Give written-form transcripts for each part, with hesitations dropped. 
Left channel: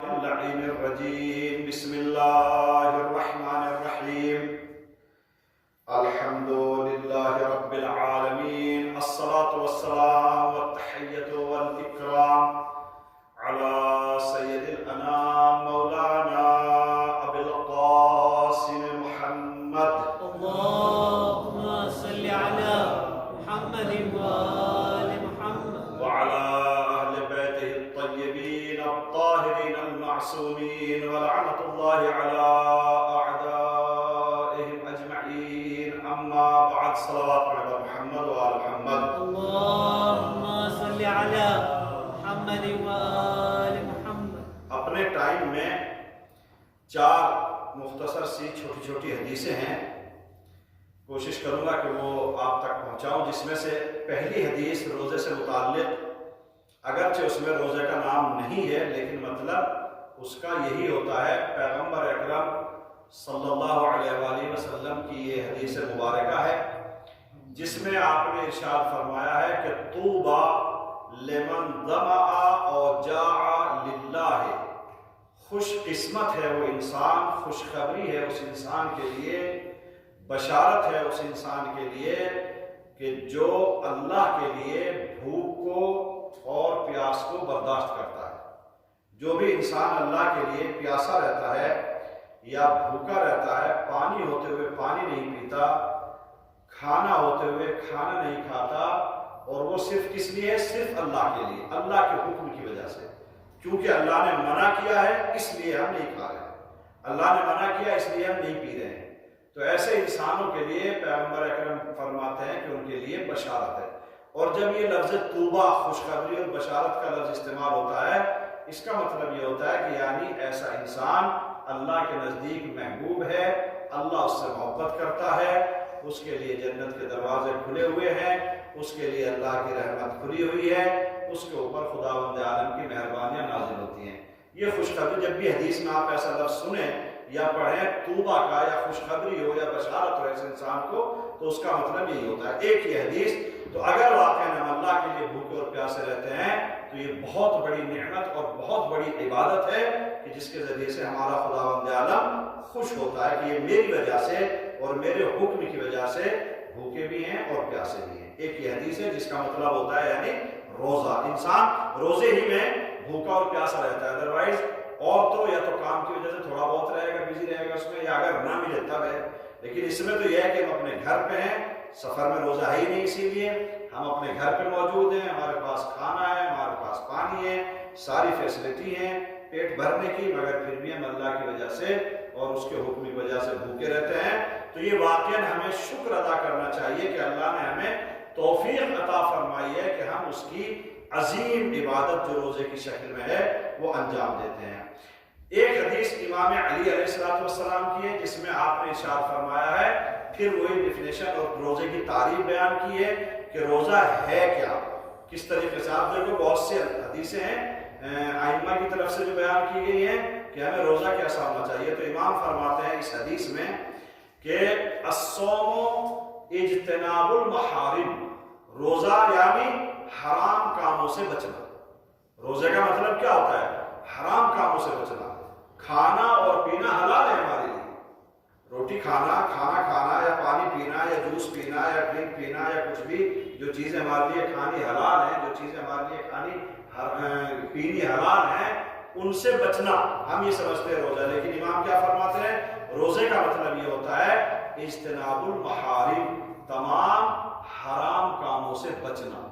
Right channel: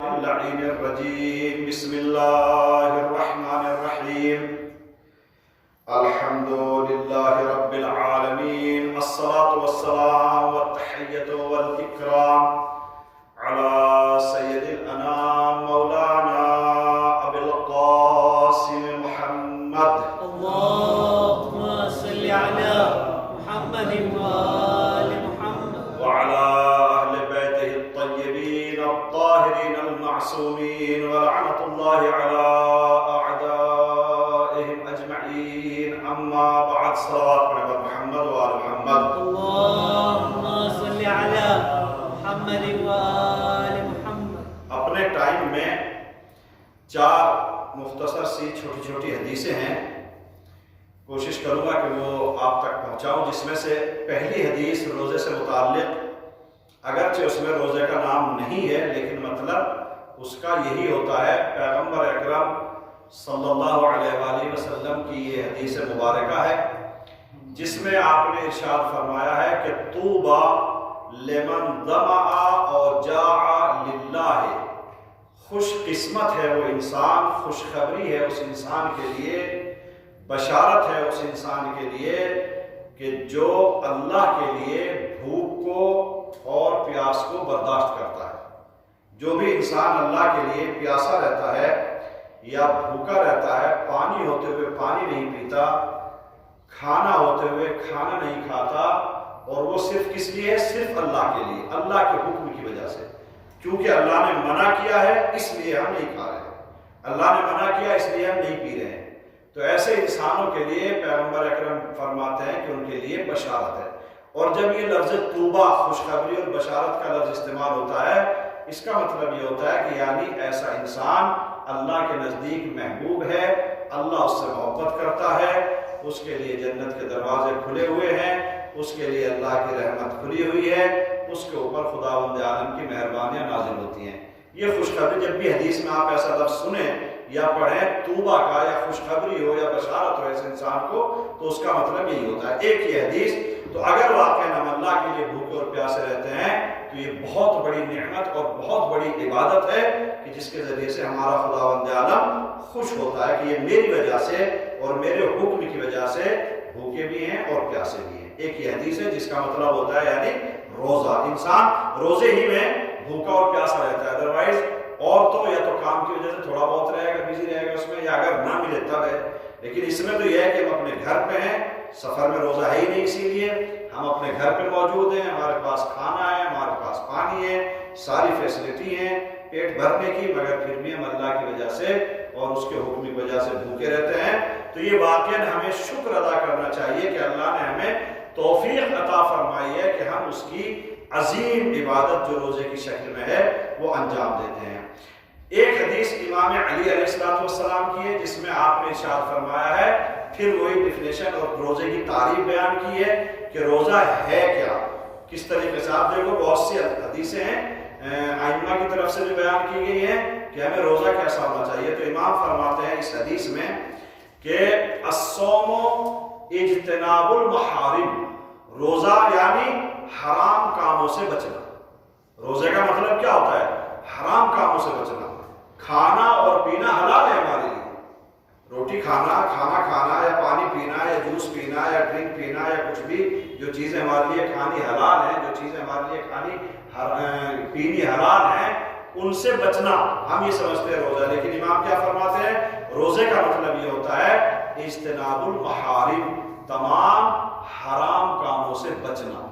اللعين الرجيم. بسم الله الرحمن الرحيم. الحمد لله رب العالمين. الصلاة والسلام والتحية والإكرام على سيد الأنام مولانا أبي القاسم محمد. اللهم صل على محمد وآل محمد وعلى أهل بيته الطيبين الطاهرين المعصومين ولعنة الله على أعدائهم أجمعين. أما بعد. صلوات على محمد وآل محمد. اللهم صل على محمد وآل محمد. اپنے ٹائم میں 4 مختصر سی چھوٹی چھوٹی حدیثیں ہیں، کوشش کروں گا کہ وہ آپ تک پہنچاؤں، جس میں سے پہلی حدیث روزے سے متعلق، اگرچہ اس میں روزے کا نام نہیں ہے لیکن مطلب اس کا یہی ہوتا ہے۔ پیغمبر اکرم صلی اللہ علیہ وآلہ وسلم کی یہ حدیث مبارکہ ہے جس میں آپ نے ارشاد فرمایا ہے کہ طوبی لمن ظمأ اور جاع للہ، خوش قسمت ہے وہ انسان، خوشخبری ہے اس انسان کے لیے، بشارت ہے اس انسان کے لیے کہ جو اللہ کے لیے بھوک کو اور پیاس کو برداشت کرتا ہے۔ جو بھی انسان اللہ کے لیے پیاسا رہتا ہے یا بھوکا رہتا ہے، پانی ہوتے ہوئے پانی نہیں پیتا، کھانا ہوتے ہوئے کھانا نہیں کھاتا، اور وہ صرف کس لیے؟ صرف اللہ کے لیے، اللہ کے حکم کی وجہ سے، کیونکہ اللہ نے منع کیا ہے اس لیے ہم نہیں کھا رہے ہیں، اللہ نے منع کیا اس لیے ہم نہیں پی رہے ہیں۔ تو ایسے انسانوں کے لیے پیغمبر اکرم فرماتے ہیں کہ ان کے لیے بشارت ہے۔ اور جب یہ لفظ طوبہ، خوشخبری اور بشارت کا لفظ استعمال ہوتا ہے، اس کا مطلب یہ ہوتا ہے کہ یعنی ایسا انسان اللہ کے نزدیک محبوب ہے، اللہ اس سے محبت کرتا ہے، اس کے لیے جنت کے دروازے کھلے ہوئے ہیں، اس کے لیے اللہ کی رحمت کھلی ہوئی ہے، اس کے اوپر خداوند عالم کی مہربانیاں نازل ہوتی ہیں۔ یہ خوشخبری، جب بھی حدیث میں آپ ایسا لفظ سنیں یا پڑھیں طوبہ کا، یا خوشخبری ہو یا بشارت ہو ایسے انسان کو، تو اس کا مطلب یہی ہوتا ہے۔ ایک یہ حدیث تو اگر واقعاً ہم اللہ کے لیے بھوکے اور پیاسے رہتے ہیں تو یہ بہت بڑی نعمت اور بہت بڑی عبادت ہے کہ جس کے ذریعے سے ہمارا خداوند عالم خوش ہوتا ہے کہ یہ میری وجہ سے اور میرے حکم کی وجہ سے بھوکے بھی ہیں اور پیاسے بھی ہیں۔ ایک یہ حدیث ہے جس کا مطلب ہوتا ہے یعنی روزہ، انسان روزے ہی میں بھوکا اور پیاسا رہتا ہے، ادروائز اور تو یا تو کام کی وجہ سے تھوڑا بہت رہے گا، بزی رہے گا اس میں، یا اگر نہ ملے تب ہے۔ لیکن اس میں تو یہ ہے کہ ہم اپنے گھر پہ ہیں، سفر میں روزہ ہے ہی نہیں، اسی لیے ہم اپنے گھر پہ موجود ہیں، ہمارے پاس کھانا ہے، ہمارے پاس پانی ہے، ساری فیسلٹی ہیں پیٹ بھرنے کی، مگر پھر بھی ہم اللہ کی وجہ سے اور اس کے حکم کی وجہ سے بھوکے رہتے ہیں۔ تو یہ واقعاً ہمیں شکر ادا کرنا چاہیے کہ اللہ نے ہمیں توفیق عطا فرمائی ہے کہ ہم اس کی عظیم عبادت جو روزے کی شکل میں ہے وہ انجام دیتے ہیں۔ ایک حدیث امام علی علیہ السلام کی ہے جس میں آپ نے ارشاد فرمایا ہے، پھر وہی ڈیفینیشن اور روزے کی تعریف بیان کی ہے کہ روزہ ہے کیا، کس طریقے سے۔ آپ دیکھو بہت سی حدیثیں ہیں ائمہ کی طرف سے بھی بیان کی گئی ہیں کہ ہمیں روزہ کیسا ہونا چاہیے۔ تو امام فرماتے ہیں اس حدیث میں کہ الصوم اجتناب المحارم، روزہ یعنی حرام کاموں سے بچنا۔ روزے کا مطلب کیا ہوتا ہے؟ حرام کاموں سے بچنا۔ کھانا اور پینا حلال ہے ہمارے لیے، روٹی کھانا، کھانا کھانا یا پانی پینا یا جوس پینا یا ڈرنک پینا یا کچھ بھی، جو چیزیں ہمارے لیے کھانی حلال ہیں، جو چیزیں ہمارے لیے پینی حلال ہیں، ان سے بچنا ہم یہ سمجھتے ہیں روزہ۔ لیکن امام کیا فرماتے ہیں؟ روزے کا مطلب یہ ہوتا ہے اجتناب المحارم، تمام حرام کاموں سے بچنا۔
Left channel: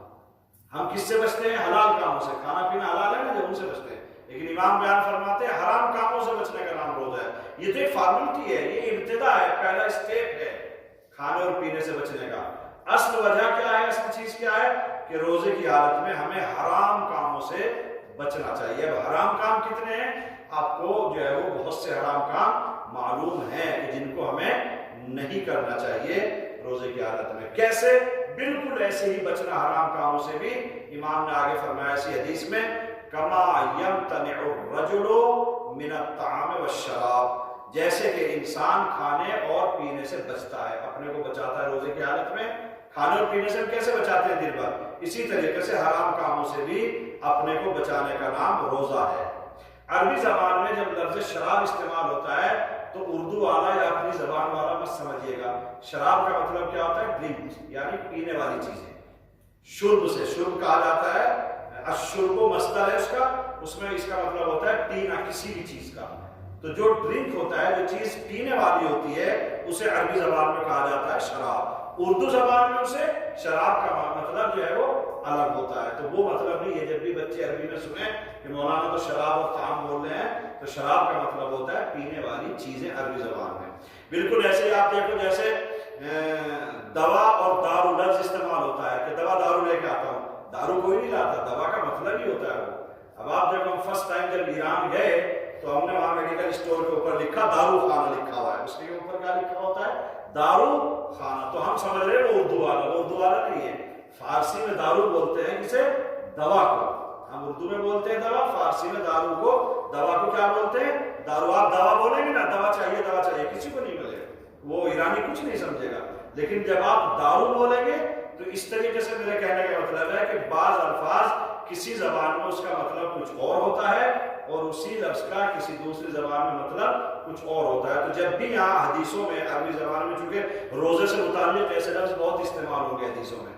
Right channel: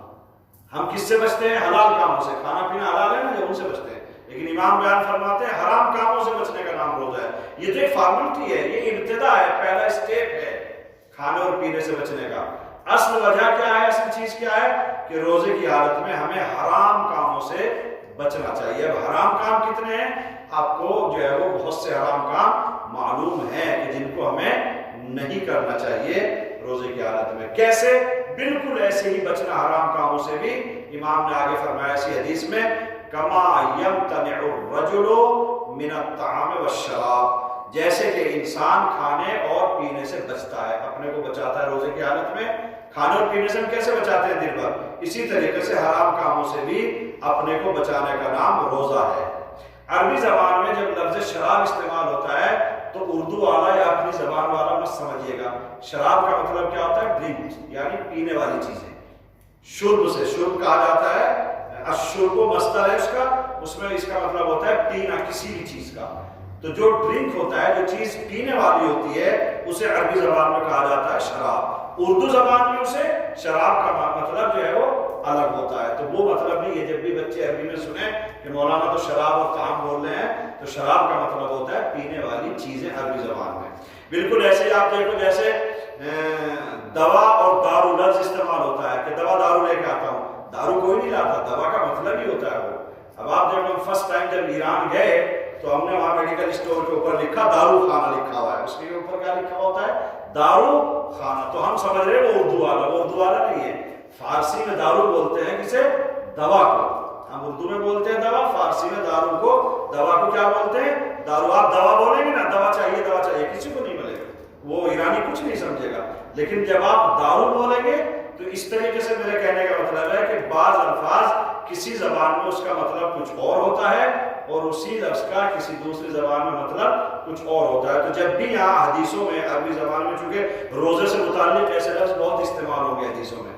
ہم کس سے بچتے ہیں؟ حلال کاموں سے۔ کھانا پینا حلال ہے نا، جب ان سے بچتے ہیں۔ لیکن امام بیان فرماتے ہیں حرام کاموں سے بچنے کا نام روزہ ہے۔ یہ تو ایک فارملٹی ہے، یہ ابتدا ہے، پہلا اسٹیپ ہے کھانے اور پینے سے بچنے کا۔ اصل وجہ کیا ہے؟ اصل چیز کیا ہے؟ کہ روزے کی حالت میں ہمیں حرام کاموں سے بچنا چاہیے۔ اب حرام کام کتنے ہیں؟ آپ کو جو ہے وہ بہت سے حرام کام معلوم ہیں کہ جن کو ہمیں نہیں کرنا چاہیے روزے کی حالت میں۔ کیسے؟ بالکل ایسے ہی بچنا حرام کاموں سے بھی۔ امام نے آگے فرمایا اسی حدیث میں، کما یمتنع الرجل من الطعام والشراب، جیسے کہ انسان کھانے اور پینے سے بچتا ہے، اپنے کو بچاتا ہے روزے کی حالت میں۔ کھانے اور پینے سے ہم کیسے بچاتے ہیں دن بھر؟ اسی طریقے سے حرام کاموں سے بھی اپنے کو بچانے کا نام روزہ ہے۔ عربی زبان میں جب لفظ شراب استعمال ہوتا ہے تو اردو والا یا اپنی زبان والا مت سمجھیے گا. شراب کا مطلب کیا ہوتا ہے؟ ڈرنک، یعنی پینے والی چیزیں. شرب سے، شرب کہا جاتا ہے، الشرب مصدر ہے اس کا، اس میں اس کا مطلب ہوتا ہے پینا کسی بھی چیز کا. تو جو ڈرنک ہوتا ہے، جو چیز پینے والی ہوتی ہے، اسے عربی زبان میں کہا جاتا ہے شراب. اردو زبان میں اسے شراب کا مطلب جو ہے وہ الگ ہوتا ہے. تو وہ مطلب نہیں ہے. جب بھی بچے عربی میں سنیں کہ مولانا تو شراب اور طعام بول رہے ہیں، تو شراب کا مطلب ہوتا ہے پینے والی چیزیں عربی زبان میں. بالکل ایسے ہی آپ دیکھو جیسے دوا اور دارو لفظ استعمال ہوتا ہے کہ دوا دارو لے کے آتا ہوں. دارو کوئی نہیں لاتا، دوا کا مطلب ہی ہوتا ہے وہ. اب آپ دیکھو فرسٹ ٹائم جب ایران گئے تو ہم نے وہاں میڈیکل اسٹور کے اوپر لکھا دارو خانہ لکھا ہوا ہے. اس کے اوپر کیا لکھا ہوتا ہے؟ دارو خانہ. تو ہم سمجھ رہے ہیں وہ اردو والا، وہ اردو والا نہیں ہے. فارسی میں دارو بولتے ہیں کسے؟ دوا کو. ہم اردو میں بولتے ہیں دوا، فارسی میں دارو کو، دوا کو کیا بولتے ہیں؟ دارو. آپ دوا بولیں گے نا، دوا چاہیے دوا چاہیے، کسی کو نہیں ملے گا، وہ ایرانی کچھ نہیں سمجھے گا. لیکن جب آپ دارو بولیں گے تو اس طریقے سے میرے کہنے کا مطلب ہے کہ بعض الفاظ کسی زبان میں اس کا مطلب کچھ اور ہوتا ہے اور اسی لفظ کا کسی دوسری زبان میں مطلب کچھ اور ہوتا ہے. تو جب بھی یہاں حدیثوں میں عربی زبان میں، چونکہ روزے سے متعلق ایسے لفظ بہت استعمال ہوں گے حدیثوں میں،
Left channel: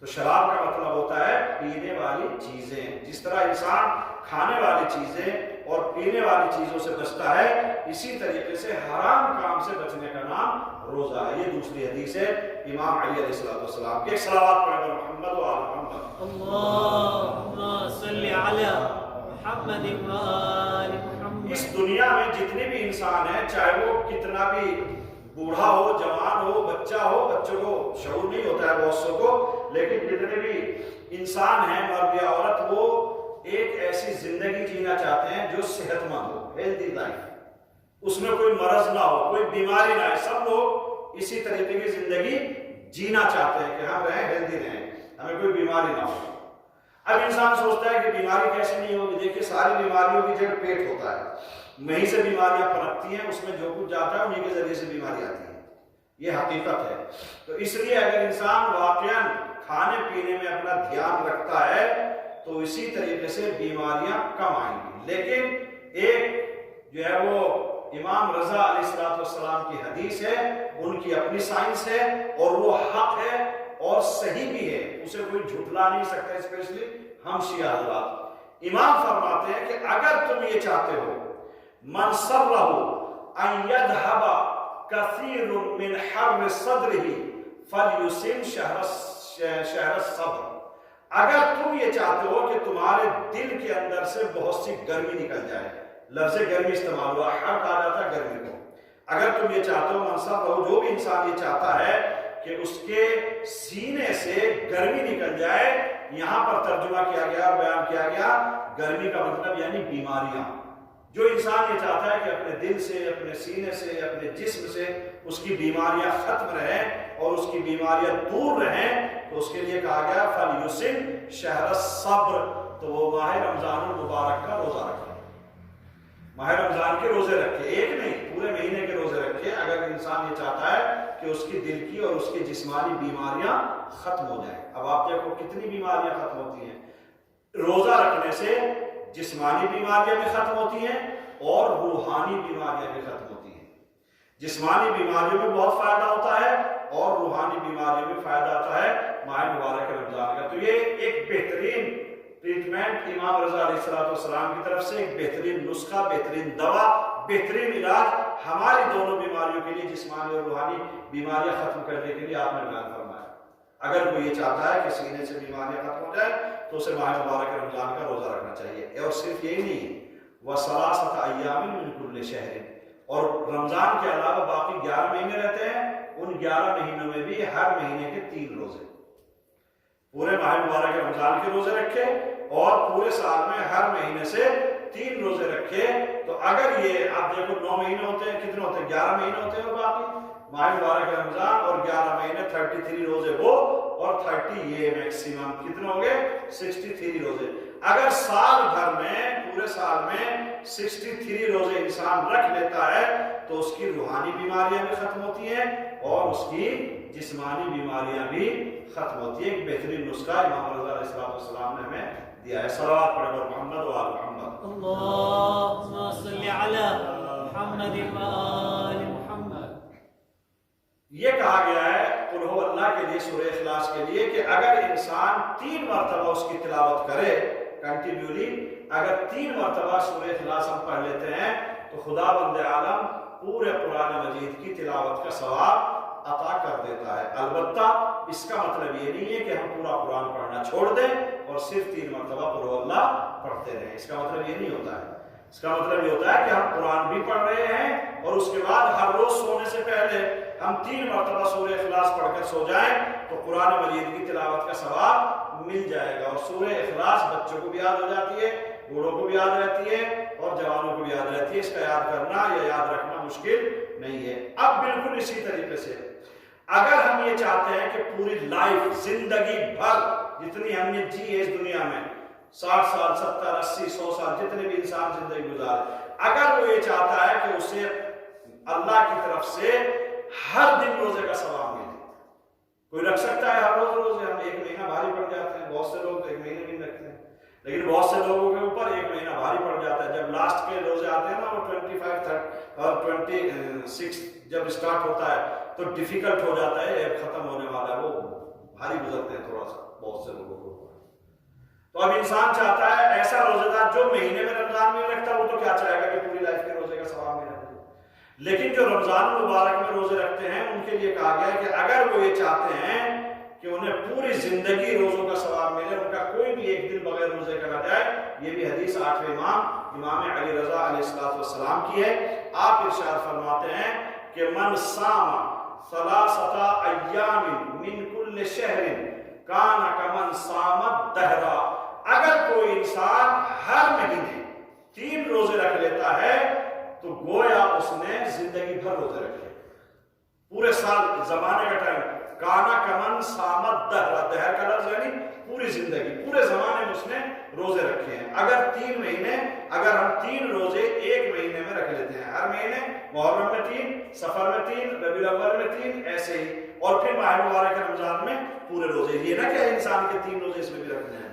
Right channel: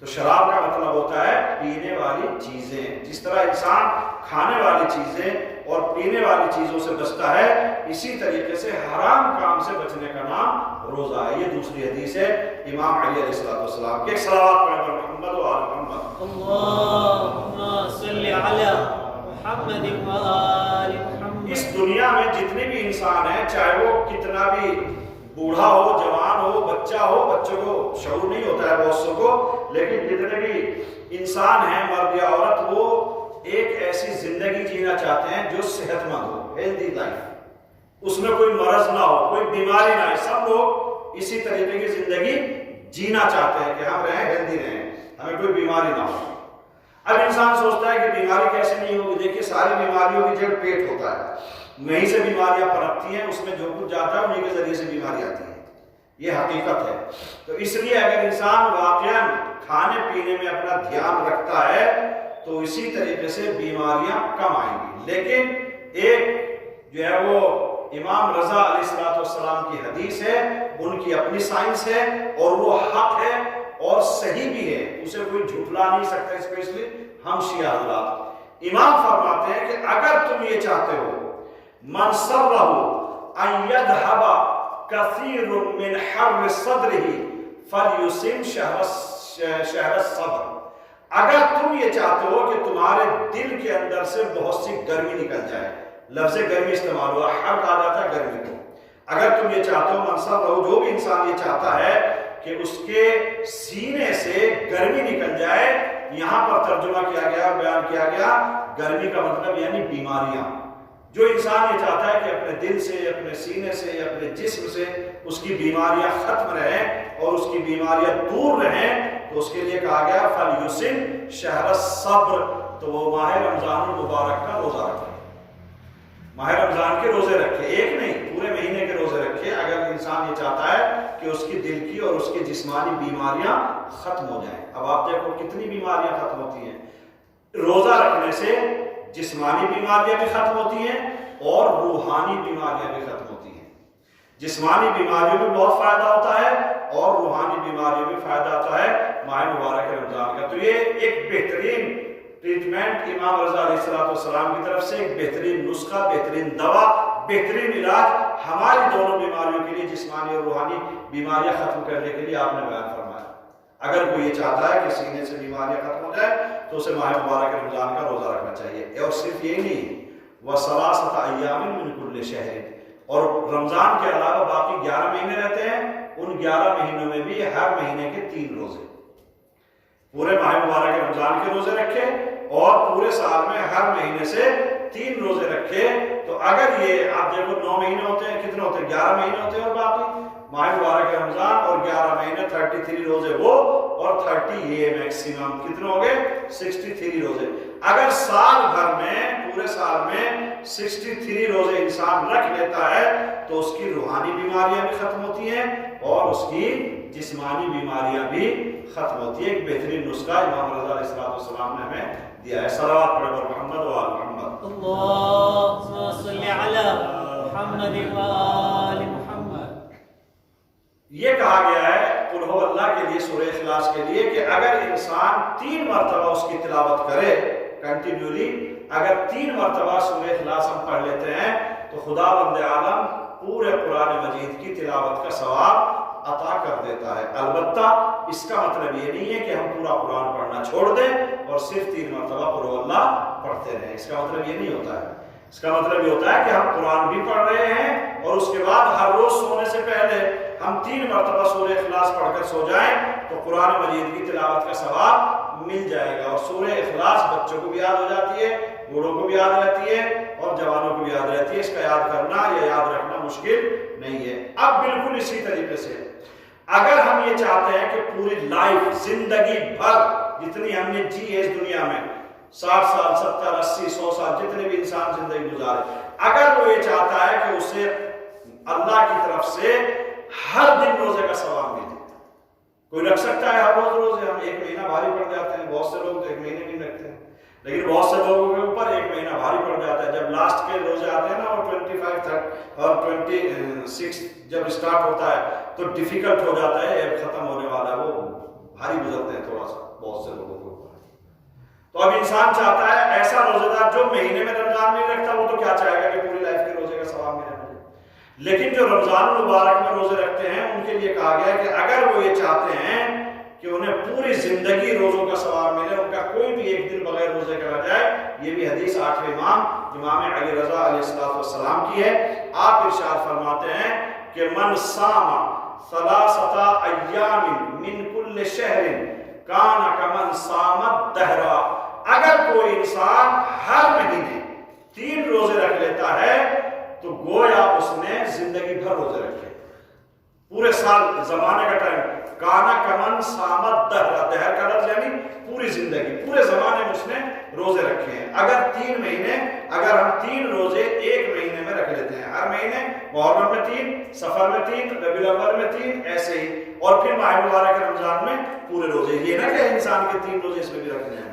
تو شراب کا مطلب ہوتا ہے پینے والی چیزیں. جس طرح انسان کھانے والی چیزیں اور پینے والی چیزوں سے بچتا ہے، اسی طریقے سے حرام کام سے بچنے کا نام روزہ ہے. یہ دوسری حدیث ہے امام علی علیہ السلام کی. ایک صلوات پڑھیں محمد و آل محمد. اللہم صلی علی محمد و آل محمد. اس دنیا میں جتنے بھی انسان ہیں، چاہے وہ کتنا بھی بوڑھا ہو، جوان ہو، بچہ ہو، بچوں کو شعور نہیں ہوتا ہے بہت سو کو، لیکن جتنے بھی انسان ہیں مرد یا عورت، وہ ایک ایسی زندگی جینا چاہتے ہیں جو صحت مند ہو، ہیلدی لائف، اس میں کوئی مرض نہ ہو، کوئی بیماری نہ ہو. سب لوگ اسی طریقے کی زندگی جینا چاہتے ہیں کہ ہم رہیں، ہیلدی رہیں، ہمیں کوئی بیماری نہ ہو. اب انسان سوچتا ہے کہ بیماری کیسے نہیں ہوگی. دیکھیے ساری بیماریوں کی جڑ پیٹ ہوتا ہے، وہیں سے بیماریاں پنپتی ہیں، اس میں جو کچھ جاتا ہے انہیں کے ذریعے سے بیماری آتی ہے. یہ حقیقت ہے. تو اس لیے اگر انسان واقعاً کھانے پینے میں اپنا دھیان رکھتا ہے تو اسی طریقے سے بیماریاں کم آئیں گی. لیکن ایک جو ہے وہ امام رضا علیہ السلام کی حدیث ہے، ان کی اپنی سائنس ہے اور وہ حق ہے اور صحیح بھی ہے، اسے کوئی جھٹلا نہیں سکتا، اسپیشلی ہم شیعہ حضرات. امام فرماتے ہیں کہ اگر تم یہ چاہتے ہو من سرہ ان یذھب کثیر من حر صدرہ فلیصم شہر الصبر. اگر تم یہ چاہتے ہو کہ تمہارے دل کے اندر سے بہت سی گرمی نکل جائے، لفظ گرمی استعمال ہوا، حر کہا جاتا ہے گرمی کو. اگر تم یہ چاہتے ہو، منصر رہو، جو بھی انسان یہ چاہتا ہے کہ اس کے سینے سے گرمی نکل جائے، یہاں پر ترجمہ کیا گیا، بیان کیا گیا، گرمی کا مطلب یعنی بیماریاں. جو انسان یہ چاہتا ہے کہ اپنے دل سے، اپنے سینے سے، اپنے جسم سے اس کی بیماریاں ختم رہیں اور اس کی بیماریاں دور رہیں، تو اس کے لیے کہا گیا فَلْيُصِمْ شَهْرَ الصَّبْرِ. تو وہ ماہ رمضان المبارک کا روزہ رکھے، ماہ رمضان کے روزے رکھے، ایک نہیں پورے مہینے کے روزے رکھے. اگر انسان یہ چاہتا ہے کہ اس کی دل کی اور اس کی جسمانی بیماریاں ختم ہو جائیں. اب آپ دیکھو کتنی بیماریاں ختم ہوتی ہیں روزہ رکھنے سے. جسمانی بیماریاں بھی ختم ہوتی ہیں اور روحانی بیماریاں بھی ختم ہوتی ہیں. جسمانی بیماریوں میں بہت فائدہ ہوتا ہے اور روحانی بیماریوں میں فائدہ آتا ہے ماہ مبارک رمضان کا. تو یہ ایک بہترین ٹریٹمنٹ امام رضا علیہ السلام کی طرف سے، ایک بہترین نسخہ، بہترین دوا، بہترین علاج ہماری دونوں بیماریوں کے لیے، جسمانی اور روحانی بیماریاں ختم کرنے کے لیے آپ نے بیان فرمایا. اگر کوئی یہ چاہتا ہے کہ سینے سے بیماریاں ختم ہو جائیں تو اسے ماہ مبارک رمضان کا روزہ رکھنا چاہیے. اور صرف یہی نہیں، وَثَلَاثَةَ أَيَّامٍ مِّن كُلِّ شَهْرٍ، اور رمضان کے علاوہ باقی 11 مہینے رہتے ہیں، ان 11 مہینوں میں بھی ہر مہینے کے 3 روزے، پورے ماہ مبارک رمضان کے روزے رکھے اور پورے سال میں ہر مہینے سے 3 روزے رکھے. تو اگر یہ آپ دیکھو 9 مہینے ہوتے ہیں، کتنے ہوتے ہیں؟ 11 مہینے ہوتے ہیں اور باقی ماہ مبارک رمضان اور 11 مہینے 33 روزے وہ اور 30 یہ میکسیمم کتنے ہو گئے؟ 63 روزے. اگر سال بھر میں، پورے سال میں 63 روزے انسان رکھ لیتا ہے تو اس کی روحانی بیماریاں بھی ختم ہوتی ہیں، اور اس کی جسمانی بیماریاں بھی ختم ہوتی ہے۔ ایک بہترین نسخہ امام رضا علیہ السلام نے ہمیں دیا ہے۔ صلوات پڑھے بر محمد و آل محمد۔ اللهم صل على محمد وآل محمد۔ یہ کہا گیا ہے قل ہو اللہ کے لیے، سورہ اخلاص کے لیے، کہ اگر انسان 3 مرتبہ اس کی تلاوت کرے کنٹینیولی، اگر 3 مرتبہ سورہ اخلاص ہم پڑھ لیتے ہیں تو خداوند عالم پورے قرآن مجید کی تلاوت کا ثواب عطا کر دیتا ہے۔ البتہ اس کا مطلب یہ نہیں ہے کہ ہم پورا قرآن پڑھنا چھوڑ دیں اور صرف 3 مرتبہ قل ہو اللہ پڑھتے رہیں، اس کا مطلب یہ نہیں ہوتا ہے۔ اس کا مطلب یہ ہوتا ہے کہ ہم قرآن بھی پڑھ رہے ہیں اور اس کے بعد ہر روز سونے سے پہلے ہم 3 مرتبہ سورہ اخلاص پڑھ کر سو جائیں تو قرآن مجید کی تلاوت کا ثواب مل جائے گا۔ اور سورہ اخلاص بچوں کو بھی یاد ہو جاتی ہے، بوڑھوں کو بھی یاد رہتی ہے اور جوانوں کو بھی یاد رہتی ہے۔ اس کا یاد کرنا یا یاد رکھنا مشکل نہیں ہے۔ اب بالکل اسی طریقے سے اگر ہم یہ چاہتے ہیں کہ پوری لائف، زندگی بھر جتنی ہم نے جی ہے اس دنیا میں، 60 سال 70 80 100 سال جتنے بھی انسان زندگی گزارے، اگر وہ یہ چاہتا ہے کہ اسے اللہ کی طرف سے ہر دن روزے کا ثواب ملے، کوئی رکھ سکتا ہے ہر روز روزے؟ ہم 1 مہینہ بھاری پڑ جاتے ہیں، بہت سے لوگ تو 1 مہینے بھی رکھتے ہیں، لیکن بہت سے لوگوں کے اوپر 1 مہینہ بھاری پڑ جاتا ہے۔ جب لاسٹ کے روزے آتے ہیں نا اور 25 اور 26 جب اسٹارٹ ہوتا ہے تو ڈیفیکلٹ ہو جاتا ہے، ایپ ختم ہونے والا ہے، وہ بھاری گزرتے ہیں تھوڑا سا بہت سے لوگوں کو۔ تو اب انسان چاہتا ہے ایسا روزے دار جو مہینے میں رمضان میں رکھتا، وہ تو کیا چاہے گا کہ پوری لائف کے روزے کا ثواب ملے مجھے، لیکن جو رمضان المبارک میں روزے رکھتے ہیں ان کے لیے کہا گیا ہے کہ اگر وہ یہ چاہتے ہیں کہ انہیں پوری زندگی روزوں کا ثواب ملے، ان کا کوئی بھی ایک دن بغیر روزے کا نہ جائے۔ یہ بھی حدیث 8ویں امام علی رضا علیہ السلام کی ہے۔ آپ ارشاد فرماتے ہیں کہ من صام 3 ایام من کل شہر کان کمن صام الدہر۔ اگر کوئی انسان ہر مہینے 3 روزے رکھ لیتا ہے تو گویا اس نے زندگی بھر روزے رکھے، پورے سال زمانے کا ٹائم۔ کانا کمن سامت دہر، دہر کا لفظ یعنی پوری زندگی، پورے زمانے میں اس نے روزے رکھے ہیں۔ اگر 3 مہینے، اگر ہم 3 روزے 1 مہینے میں رکھ لیتے ہیں، ہر مہینے محرم میں 3، سفر میں 3، ربیع الاول میں 3، ایسے ہی، اور پھر ماہ مبارک رمضان میں پورے روزے، یہ نہ کہ انسان کے 3 روزے اس میں بھی رکھنے ہیں،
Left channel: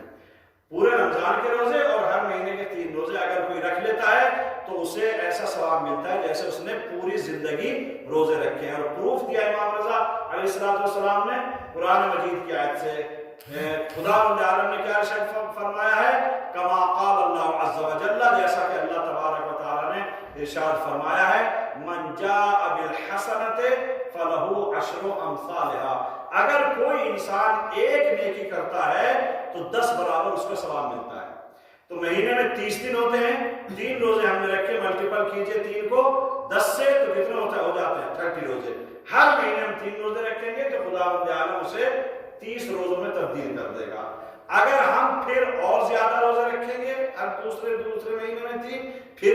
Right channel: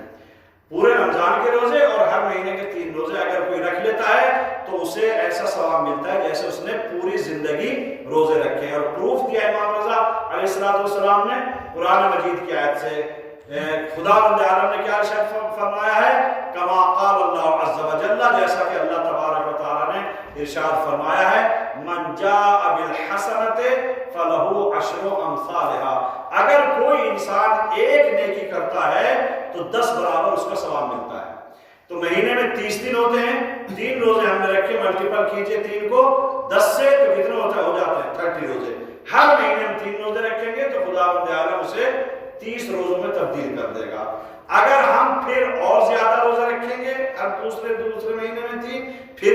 پورے رمضان کے روزے اور ہر مہینے کے 3 روزے اگر کوئی رکھ لیتا ہے تو اسے ایسا ثواب ملتا ہے جیسے اس نے پوری زندگی روزے رکھے ہیں۔ اور پروف دیا امام رضا علیہ السلام نے قرآن مجید کی آیت سے۔ خداوند عالم نے کیا ارشاد فرمایا ہے؟ کما قال اللہ عز و جل، جیسا کہ اللہ تبارک و تعالیٰ نے ارشاد فرمایا ہے، من جاء بالحسنۃ فلہ 10 امثالها۔ اگر کوئی انسان ایک نیکی کرتا ہے تو 10 برابر اس کا ثواب ملتا ہے۔ تو مہینے میں 30 دن ہوتے ہیں، 3 روزے ہم نے رکھے، ملٹیپل کیجئے 3 کو 10 سے تو کتنے ہو جاتے ہیں؟ 30 روزے۔ ہر مہینے ہم 3 روزے رکھیں گے تو خداوند عالم اسے 30 روزوں میں تبدیل کر دے گا۔ اگر ہم پھر اور زیادہ روزے رکھیں گے، ہر دوسرے مہینے میں 3، پھر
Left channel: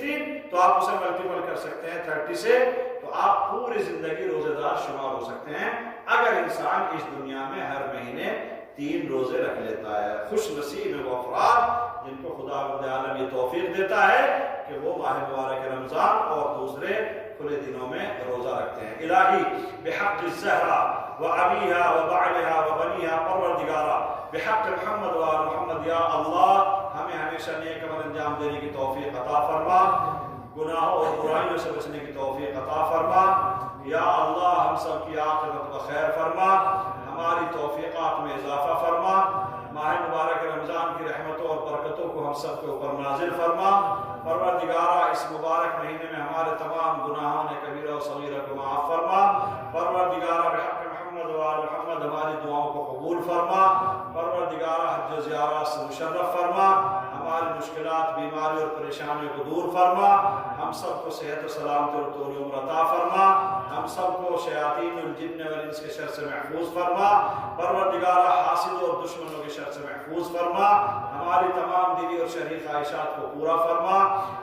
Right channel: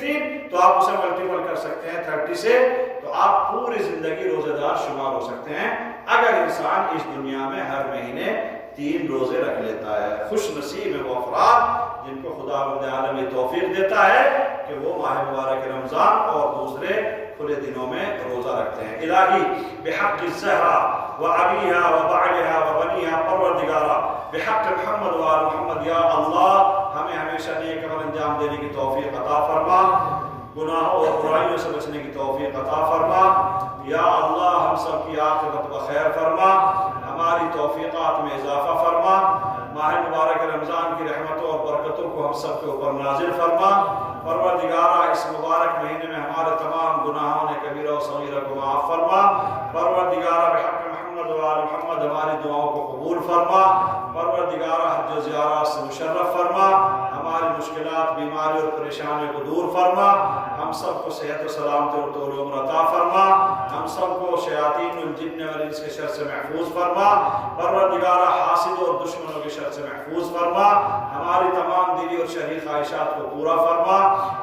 3 تو آپ اسے ملٹیپل کر سکتے ہیں 30 سے، تو آپ پوری زندگی روزے دار شمار ہو سکتے ہیں اگر انسان اس دنیا میں ہر مہینے 3 روزے رکھ لیتا ہے۔ خوش نصیب ہیں وہ افراد جن کو خداوند عالم یہ توفیق دیتا ہے کہ وہ ماہ مبارک رمضان اور دوسرے کھلے دنوں میں روزہ رکھتے ہیں۔ الہی بحق الزہرا و ابیہا و بعلہا و بنیہا، پروردگارا بحق محمد و آل محمد، یا اللہ ہمیں ہمیشہ نیک عمل انجام دینے کی توفیق عطا فرما، گناہوں اور برائیوں سے بچنے کی توفیق عطا فرما، یا اللہ ہم سب کی عاقبت بخیر فرما، ہماری توفیقات میں اضافہ فرما، ماہ مبارک رمضان کی رحمتوں اور برکتوں کو ہم سب کے اوپر نازل فرما۔ پروردگارہ اس مبارک مہینے میں ہمارے تمام گناہوں نے کبیرہ و صغیرہ کو معاف فرما۔ پروردگارہ بحق محمد و آل محمد ہماری دعاؤں کو قبول فرما۔ پروردگارہ حج و زیارات سے مشرف فرما، ہماری مشکلات، بیماری اور پریشانیوں کو دور فرما، ہم سب کو صحت و سلامتی اور طول عمر عطا فرما، ہم سب کو شیاطین الجن والانس کے شر سے محفوظ فرما۔ پروردگارہ حاسدوں اور دشمنوں کے شر سے محفوظ فرما، ہماری تمام دلی اور شرعی خواہشات کو پورا فرما۔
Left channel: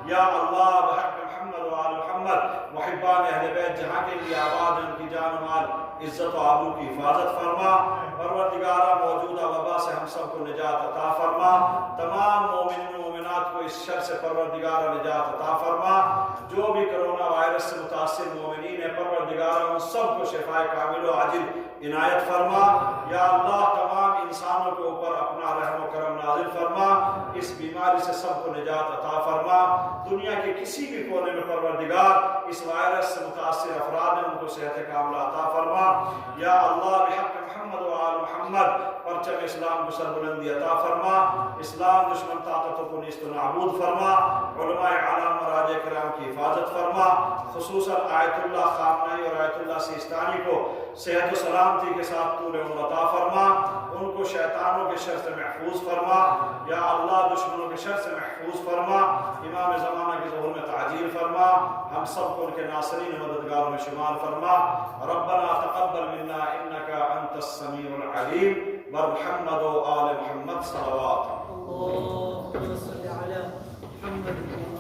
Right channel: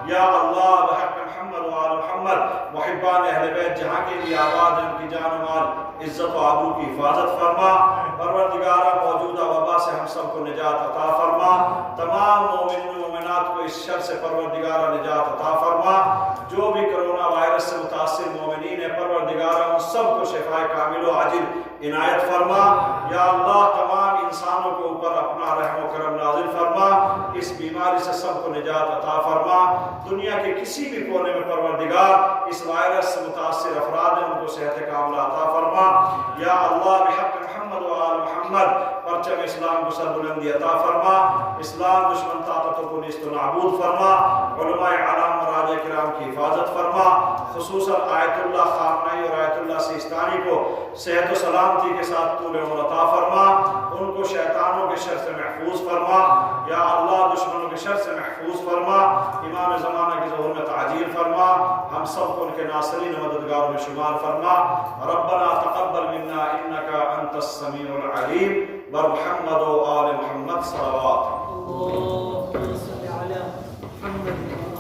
یا اللہ بحق محمد و آل محمد محبان اہل بیت جہاں کے بھی آباد ہیں ان کی جان و مال، عزت و آبرو کی حفاظت فرما۔ پروردگارہ موجودہ وبا سے ہم سب کو نجات عطا فرما، تمام مومنین و مومنات کو اس شر سے پروردگارہ نجات عطا فرما۔ جو بھی کرونا وائرس وائرس سے متاثر مومنین ہے پروردگار ان سب کو شفائے کامل و عاجل عنایت فرما۔ یا اللہ تمام انسانوں کے اوپر اپنا رحم و کرم نازل فرما، اس بیماری سے سب کو نجات عطا فرما۔ دنیا کے کسی بھی کونے میں پروردگار اس وائرس سے متاثر افراد ہیں ان کو صحت کاملہ عطا فرما۔ یا اللہ بحق محمد و آل محمد پرچم اسلام کو سربلندی عطا فرما، اسلام دشمن طاقتوں کو نیست و نابود فرما، علماء اعلام مراجع کرام کی حفاظت فرما، خصوصاً آیت اللہ خامنائی اور آیت اللہ سیستانی کو صحت و سلامتی کے ساتھ طول عمر عطا فرما، ان کو شیطانوں کے شر سے محفوظ فرما۔ یا اللہ دشمنوں کے شر سے محفوظ فرما، امام زمانہ کے ظہور میں تعجیل فرما، ہم سب کو ان کے ناصرین و مددگاروں میں شمار فرما۔ ربنا تقبل منا انک انت السمیع العلیم ومحمد و آل محمد صلوات۔ اللهم صل على محمد